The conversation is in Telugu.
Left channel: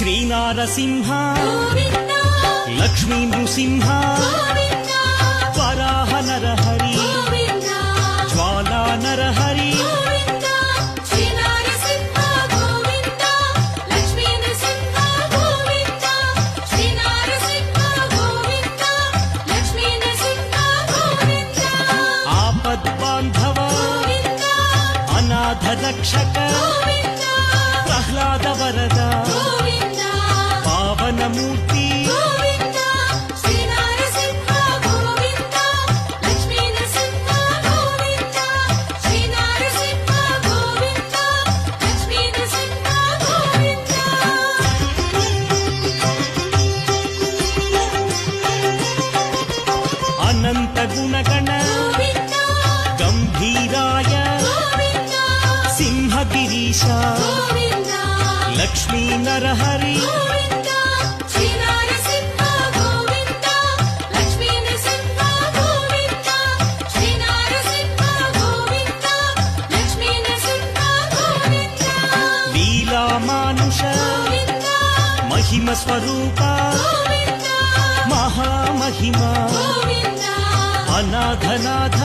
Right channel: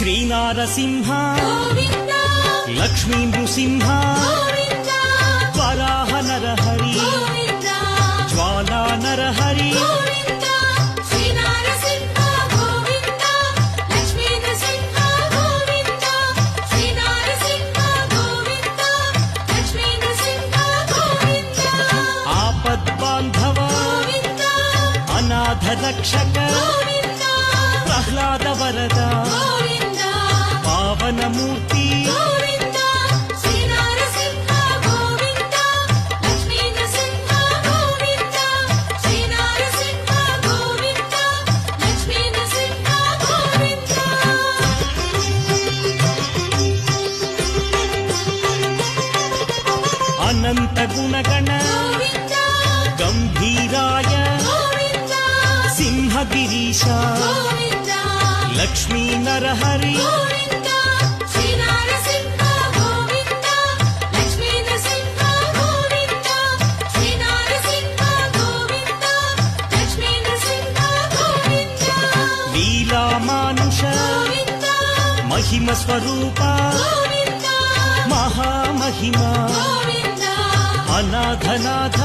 శ్రీనారసింహ లక్ష్మీ నృసింహ వరాహ నరహరి జ్వాలా నరహరి ఆపద్బాంధవ అనాథ రక్షక ప్రహ్లాద వరద పావనమూర్తి అనంత గుణగణ గంభీరాయ సింహగిరీశ లక్ష్మీ నరహరి లీలామానుష మహిమ స్వరూప మహామహిమ అనాథనాథ